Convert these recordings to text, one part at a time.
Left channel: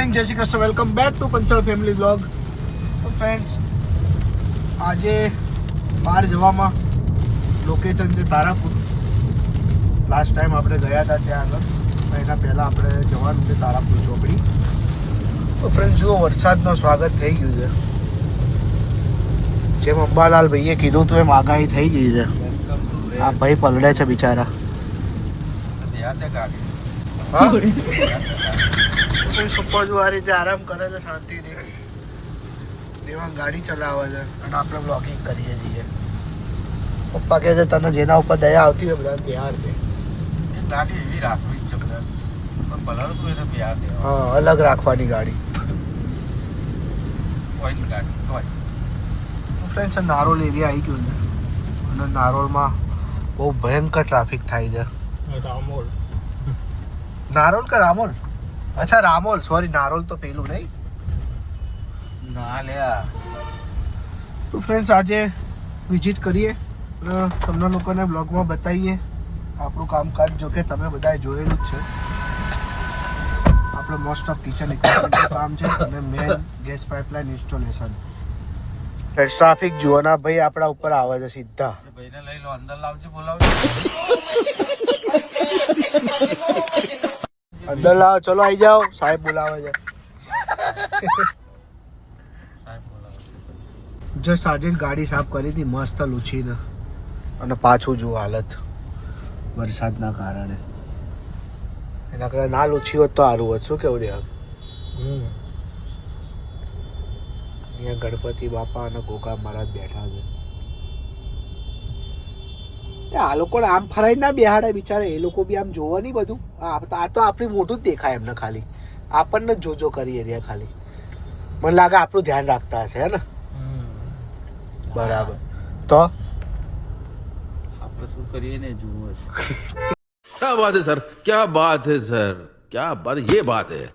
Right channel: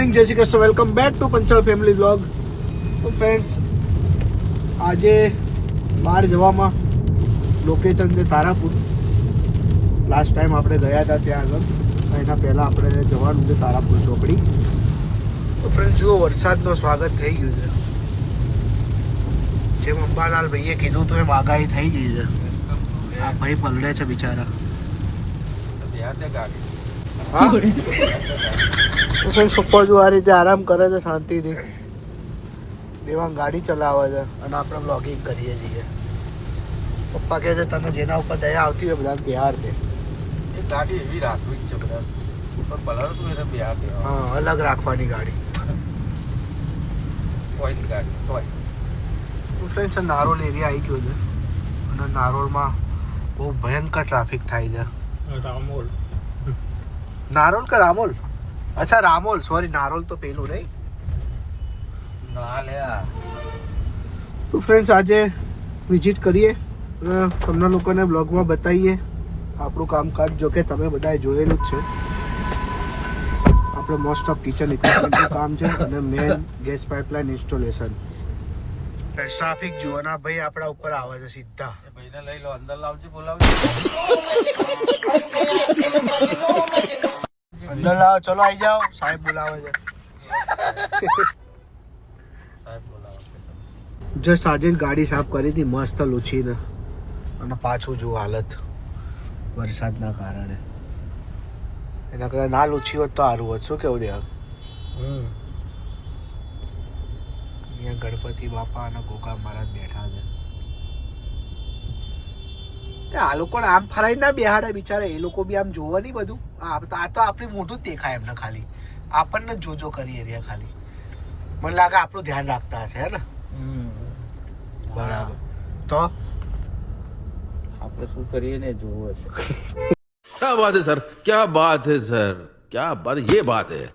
Morning, જય Shri Krishna. Welcome back to Panchal family blog. તો friends, આજે બહાર જવામાં લોકેશન છે તારાપુર. લાસ્ટ ટાઈમ આપણે ગયા હતા ત્યાં આગળ, એના પહેલાં આપણે જવાનું છે તારાપુર ચોકડી. તો ફ્રેન્ડ્સ જુઓ, વરસાદનું સ્વાગત થઈ ગયું છે. જેમ અંબાલાલ ભાઈએ કીધું હતું એમ આગાહી થઈ ગઈ છે. આ ભાઈ પલળે છે બિચારા. હા, પપ્પા જો આ રીતે આરામ કરે છે શાંતિથી. દેવાંગ ગાડી ચલાવે છે અને આપણે બ્લોગિંગ કરીએ છીએ. પપ્પા કહે છે તને જેના ઉપર દયા આવતી હોય બધાને બિહાર દે. ગાડી એવી રાખવી છે બધા, પણ પલળતું એટલે બિહાર દે. હા, અલગ રાખવાની ગાડી. ફ્રેન્ડ્સ, નારોલ એરિયા આવી ગયો છે અને નારોલમાં બહુ ભયંકર ટ્રાફિક થાય છે. રામોલ, નારોલ કે રામોલ? અચ્છા રામોલ, સોરી, નારોલ તો પેલું નહીં. ના લે. તો ફ્રેન્ડ્સ, આજે વિઝિટ કરીએ, તમને લોકોને બ્લોગમાં બતાવીએ આપણું કામકાજ. જો કે તમે બધાએ જોયેલું જ છે. આપણે મોસ્ટ ઓફ કિચન ઇક્વિપમેન્ટનું કામ છે અને main gas pipeline installation. Friends, traffic જુઓ ના ભાઈ, આપણા ઉપર આવે છે સીધા. ભાઈને લઈ લો, અંદર લાવજો, બોલાવજો. અંદર લાવો, ચલો આવી જાઓ, સાહેબ બોલાવે છે. સાહેબ બોલાવો. જસ્ટ આજે જ ગાડી સાફ કરી હતી મસ્ત લૂછીને, અને પાછું જુઓ હાલત વરસાદના કારણે. એના કરતા ના લૂછી હોત તો સારું હોત. શું કેવું દેવા? અહીંયા ગણપતિ બાપા અને ગોગા મહારાજ બેઠા છે. આ લોકોને આમ ફરાઈ ના બેહાડે બિચારા. એ લોકો બી આમ જોવે નહીં બધું. આ તો આપણી મોટું જ દેખાય એમને, ખાલી આપણને જ જોજો કરીએ રહ્યા ખાલી. મને લાગે આપણું ધ્યાન રાખતા હશે, હે ને? બરાબર. તો આપણે શું કરીએ ને જોવું છે. क्या बात है सर, क्या बात है सर, क्या बात, ये बात है.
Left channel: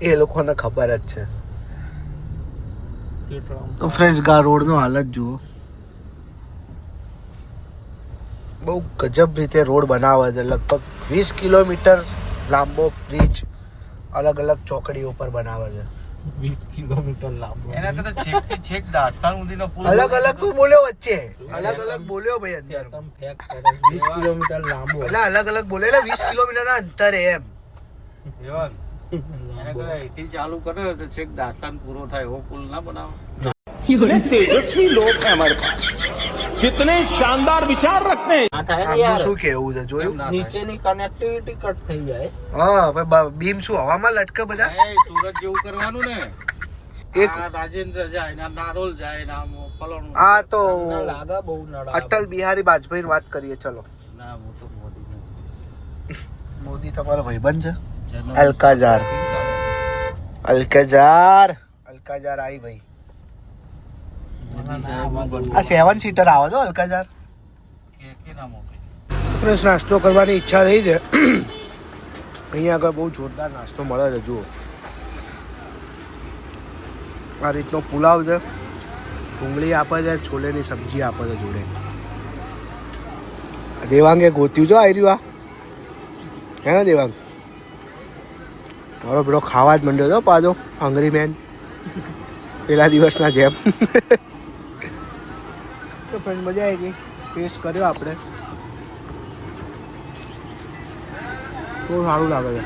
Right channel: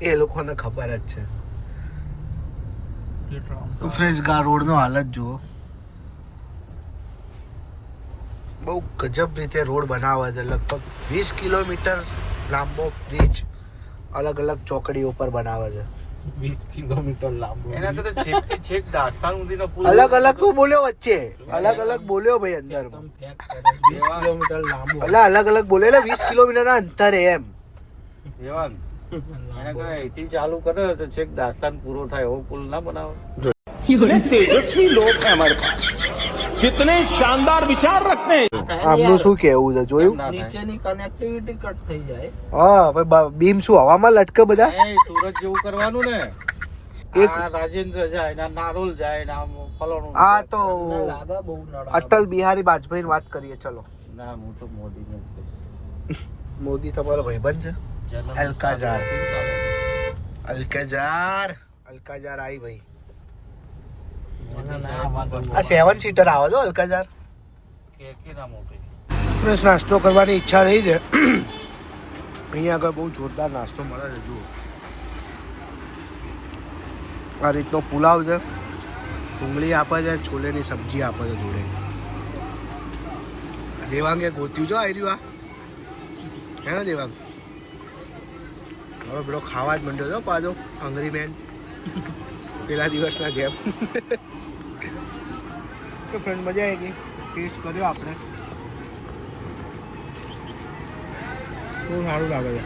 એ લોકોને ખબર જ છે. ફ્રેન્ડ્સ, ગા રોડનો હાલત જુઓ. બહુ ગજબ રીતે રોડ બનાવે છે. લગભગ 20 કિલોમીટર લાંબો બ્રિજ અલગ અલગ ચોકડીઓ પર બનાવે છે. 20 કિલોમીટર લાંબો. એના સાથે છેક થી છેક દાસ્તાન સુધીનો પુલ. અલગ અલગ શું બોલ્યો વચ્ચે? અલગ અલગ બોલ્યો ભાઈ અંદર. 20 કિલોમીટર લાંબો. એટલે અલગ અલગ બોલે, 20 કિલોમીટર ના અંતરે એમ. દેવાંગ, એને કહે અહીંથી ચાલુ કરે તો છેક દાસ્તાન પૂરો થાય એવો પુલ ના બનાવો. तेजस्वी लोग हैं हमारे पास, कितने शानदार विचार रखते हैं. આમનું શું કેવું છે જોયું? નીચેની કનેક્ટિવિટી કટ થઈ જાય. હા ભાઈ, બીમ શું હવામાં લટકે બધા? એ સુરત જેવું કરવાનું ને. એક આ રાજેન્દ્ર જાય ના નારોલ જાય ના ફલાણું. આ તો લાગે બહુ નડા. અટલ બિહારી વાજપેયી વાત કરીએ. ચલો, ના હું તો મોદી ને જ કહીશ. મોદી તમારો ભાઈબંધ છે. જન્મ અલકાઝાર. અલકાઝાર આવી ભાઈ. આ 7 સીટર આવે છો અલકાઝાર. ફ્રેશ, નાસ્તો કરવાની ઈચ્છા થઈ છે. અહીંયા આગળ બહુ જોરદાર નાસ્તો મળે છે. જુઓ, આ રીતનો પુલાવ છે, ડુંગળી આપે છે, છોલેની સબ્જી આપે છે જોડે. દેવાંગે ગોત્યું જો આવી રહ્યું. આ હે ને દેવાંગ? હવે પેલો ખાવા જ માંડ્યો હતો પાછો, હંગરી મેન, પેલા દિવસના જેમ. તો ફ્રેન્ડ, મજા આવી ગઈ. ટેસ્ટ કર્યો આપણે, બહુ સારું લાગે છે.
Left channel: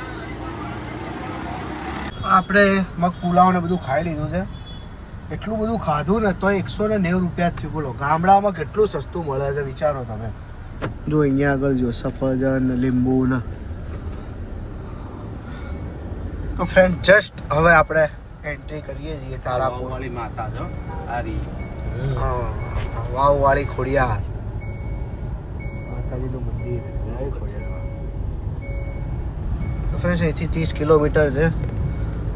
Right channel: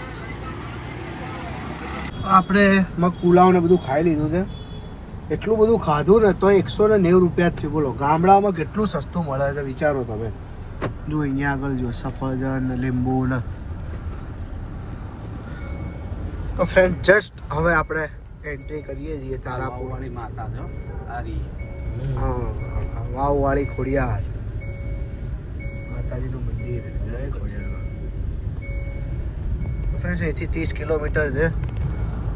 આપણે મગ પુલાવ ને બધું ખાઈ લીધું છે. એટલું બધું ખાધું ને તો 190 રૂપિયા જ થયું. બોલો, ગામડામાં કેટલું સસ્તું મળે છે વિચારો તમે. જો અહીંયા આગળ જો સફરજન ને લીંબુ ને. તો ફ્રેન્ડ, જસ્ટ હવે આપણે એન્ટ્રી કરીએ છીએ તારાપુર. વાળી માતા જો આરી. હા, વાવવાળી ખોડિયાર માતાજીનું મંદિર. જય ખોડિયાર. ફ્રેન્ડ્સ, અહીંથી 30 કિલોમીટર છે.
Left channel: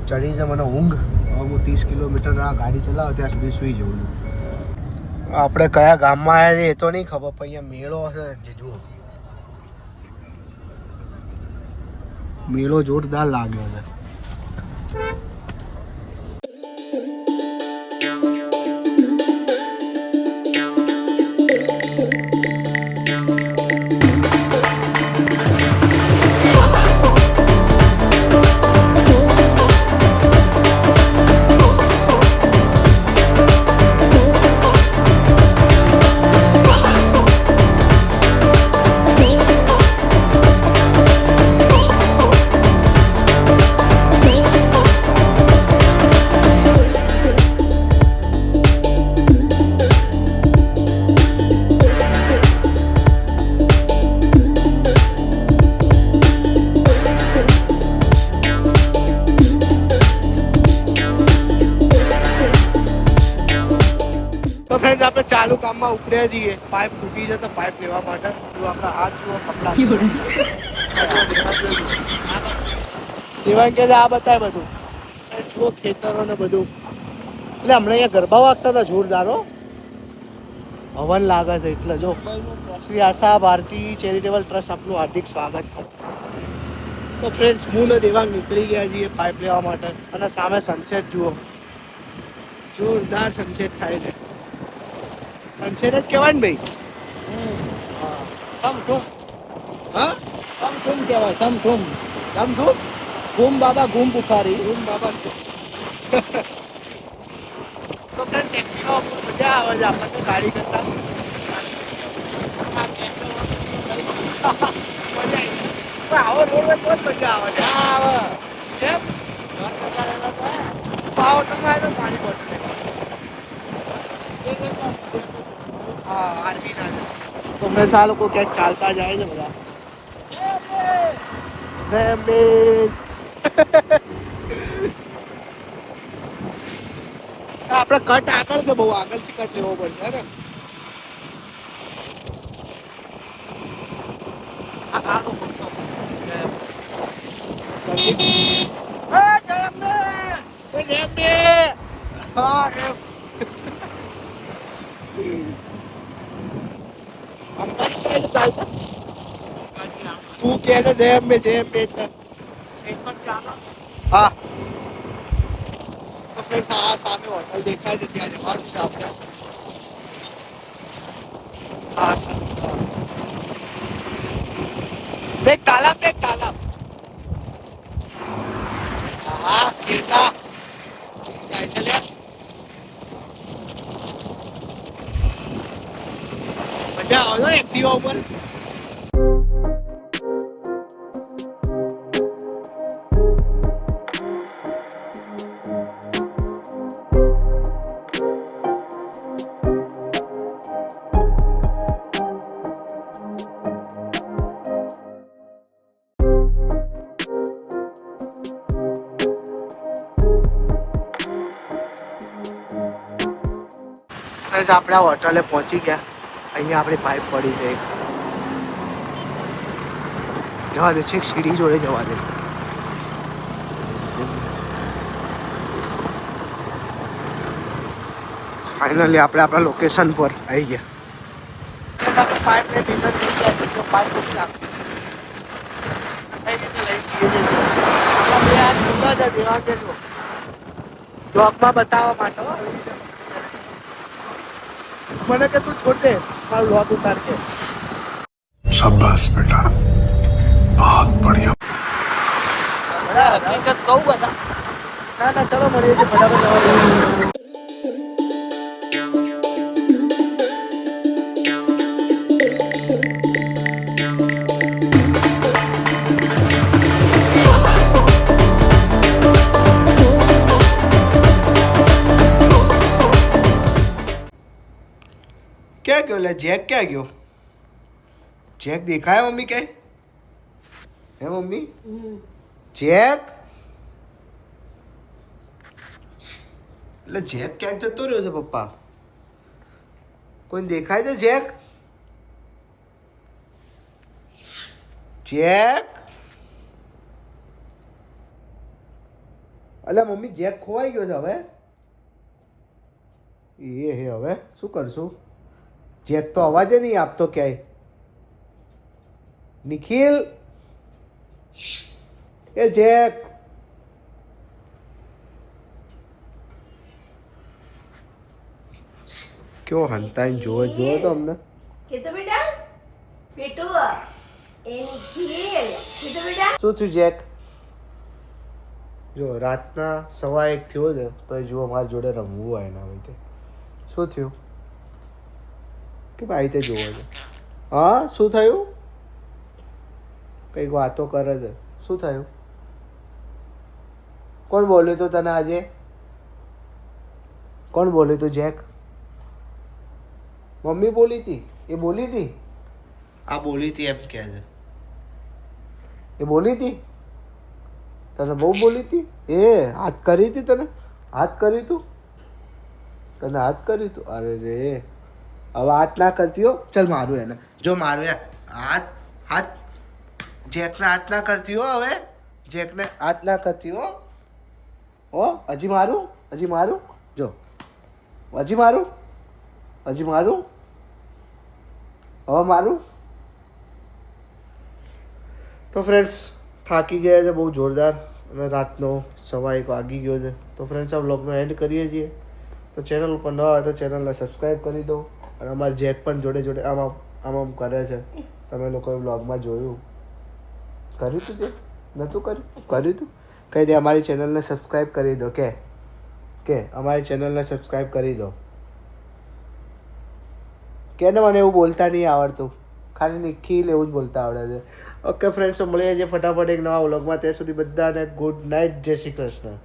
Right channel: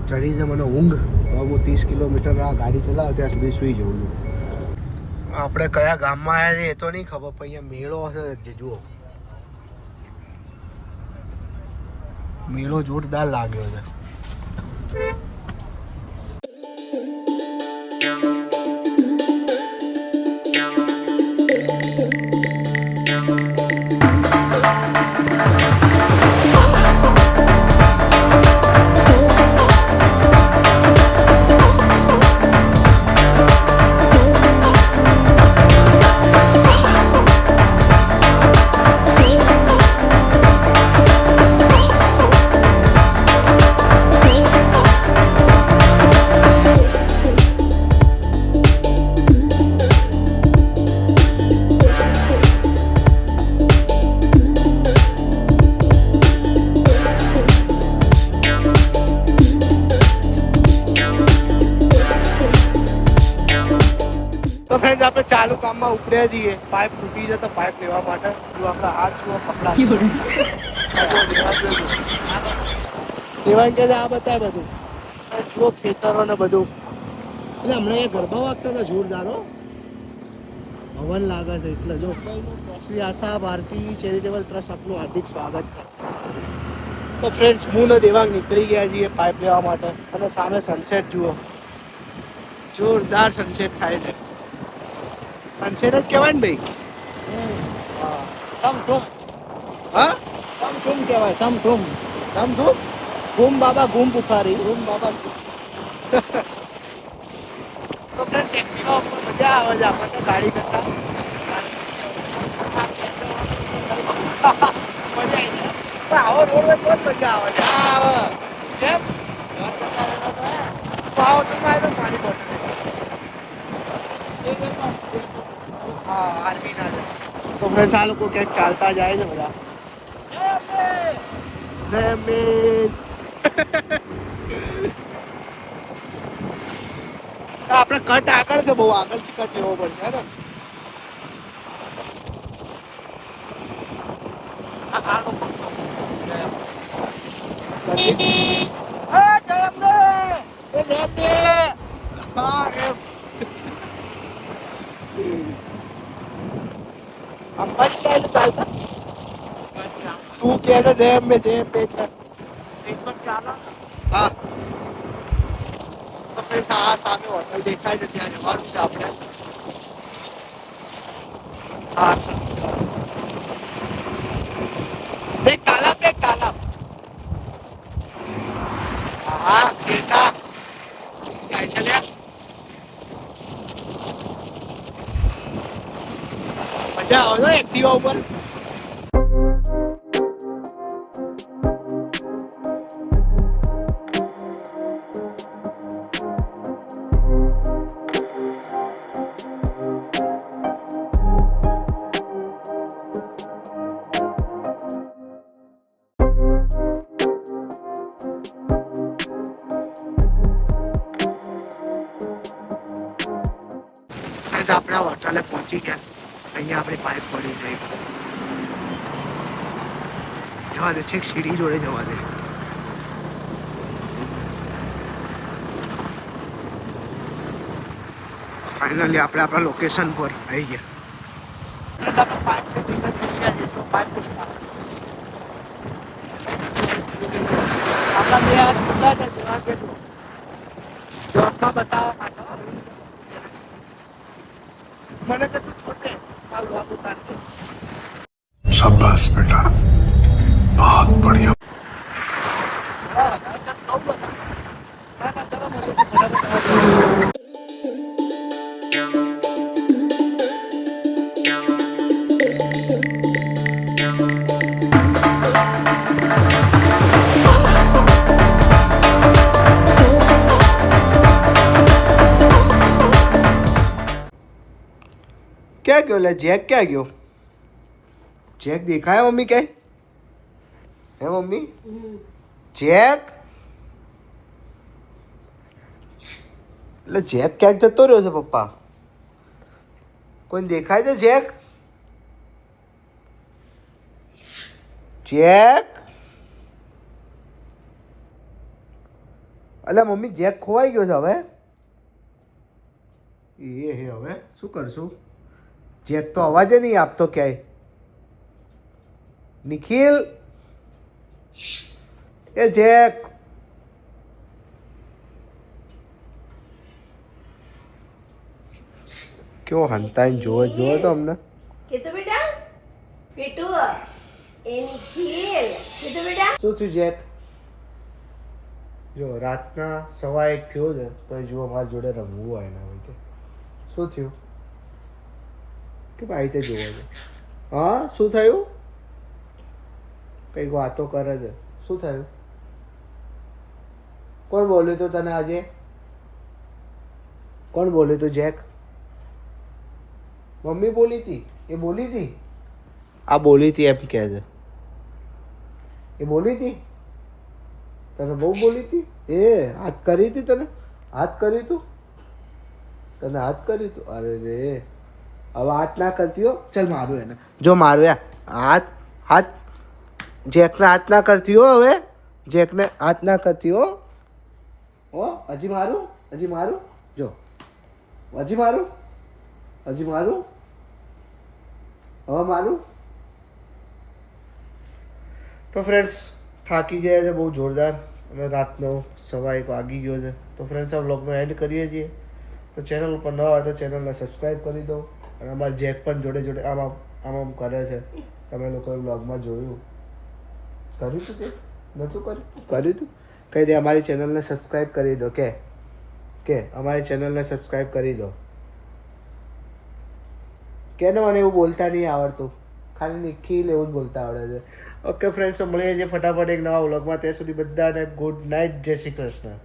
ચડી છે મને ઊંઘ. હવે હું 30 કિલોમીટર આ ગાડી ચલાવું ત્યાં સુધી સૂઈ જઉં છું. આપણે કયા ગામમાં આવ્યા છીએ એ તો નહીં ખબર, પણ અહીંયા મેળો છે જે જુઓ. મેળો જોરદાર લાગ્યો છે. ફ્રેન્ડ આપણે ચાલુ કામમાં ઉપડ્યા છીએ. પાઇપ તૂટી છે તો પાઇપ લેવા માટે જો આપણા હાથ જુઓ કપડા દેવાંગ કે આ બતાય બધું અને જુઓ ખેતરો ને બધું. એટલે હમણાં અહીંયા ગરબા વાગતા હતા જોરદાર હો. હવન લાગે છે એટલે જો શ્રી આશા ભારતી ચેરિટેબલ ટ્રસ્ટ આપનું હાર્દિક સ્વાગત. તો ફ્રેન્ડ્સ હું ને દેવાંગ નીકળી ગયા છીએ પાઇપ લેવા માટે અને સામે સનસેટ જુઓ. જોરદાર સનસેટ થાય છે. સનસેટ જ કહેવાય ને ભાઈ. સમથુમ હા સમથુમ કહેવાય સમથુમ. તમ તું ઘૂમ બાબા ઘૂમ બુખારી. રૂમ બાબા તો ફ્રેન્ડ્સ એક્ટિવા ઉપર મજા આવે છે આપણને ગાડી કરતા. મજા આવી જાય પણ આવો રોડ હોય તો જ મજા આવે છે. ના આવે કેમ પાવરમાં તો પાણી બોટલ લેવા. હા આર્મી ના છે. તો ફ્રેન્ડ્સ આ લોકો ક્યાંક ચાલતા જાય છે બધા. જય અંબે. આપણે કટ આગળ છે બહુ આગળથી કટ લેવો પડશે ને. આ લોકો ચાલતા તું કે છે જય અંબે એટલે હા. તો ફ્રેન્ડ્સ આ સામે હોટલ દેખાય છે ત્યાં જવાનું છે આપણે. હા સર દેખ તાલાબ દેખ તાલાબ. હા ખેતા જાય છે લે. મજા આવે છે એક્ટિવા ઉપર. આપણે આ હોટલે પહોંચી ગયા. અહીંયા આપણી પાઇપ પડી ગઈ. જવા દે છે સીડી જોડે જવા દે. ફાઇનલી આપણે આપણા લોકેશન પર આવી ગયા. પાઇપ ને ડિમેટ થઈ ગયા છે તો પાઇપ મૂકી નાખો. આપણા બે હાથ ખુલ્લા છે દેવા કે જો બ્લોગમાં બતાવવા માટે મને કે તું છોડ દે મારું લોગ ઉતાર કે. शाबाश बेटा बहुत बढ़िया. બડા હકીકત કહું બધા. ના ના ચલો મળીએ છીએ ફટાફટ. ક્યાં ગયો લે જેક ક્યાં ગયો? જેક દેખાય મમ્મી કઈ? હે મમ્મી જેક એટલે જેક ક્યાંક જતો રહ્યો છે પપ્પા. કોઈ દેખાય છે જેક? જેક એટલે મમ્મી જેક ખોવાઈ ગયો છે હવે. એ હે હવે શું કરશું? જેક તો અવાજે નહીં આપતો ક્યાંય. નિખિલ એ જેક કેવો હંતાઈને જોવો જોવો તો અમને. કીધું બેટા પીટુ એની ખીલ કીધું બેટા શું થયું જેક? જો રાતના 1:15 થયો છે તો એ જુઓ મારી જોડે રમવું હોય એના રીતે. શું થયું કે ભાઈ તે જોવો છે? હા શું થયું? કંઈક વાતો કરે છે. શું થયું? કોણ બોલ્યું તું તને આજે? કોણ બોલ્યું તું જેક? મમ્મી બોલી હતી? એ બોલી હતી? આ બોલી હતી એમ કહે છે. એ બોલી હતી? તને બહુ બોલી હતી? એ હાથ કરી હતી તને? હાથ કર્યું તું? તને હાથ કર્યું તું? અરે રે હવે હાથ ના કરતી હો. ચલ મારું એને જો મારું યાર હાથ હાથ જેકને હાથ ના કરતી હો. હવે જેકને હાથ ના કરતી હો. હજી મારું જો હજી મારું હવે મારું. તો ફ્રેન્ડ્સ થાકી ગયા છે બહુ જોરદાર અને રાતનો 1:15 વાગી ગયો છે. તો ફ્રેન્ડ્સ આ વ્લોગનો એન્ડ કરીએ છીએ. તો ચેનલ ઉપર ન હોય તો ચેનલને સબસ્ક્રાઈબ કરી દો. અને અમારા જેક પણ જોડે જોડે આમ કરે છે. તમે લોકોએ વ્લોગમાં જોયું કર્યું હતું તે નહોતું કર્યું હતું કંઈ દે. અમારી ચેનલને સબસ્ક્રાઈબ કરી દો કે અમારી ચેનલને સબસ્ક્રાઈબ કરી દો કે ને મને એવું બોલતા નહીં આવડતું. ખાલી નિખિલ એવું જ બોલતા આવડે છે. ઓકે ફ્રેન્ડ્સ મળીએ છીએ ફટાફટ એક નવા વ્લોગમાં. ત્યાં સુધી બધાને ગુડ નાઇટ. જય શ્રી કૃષ્ણ.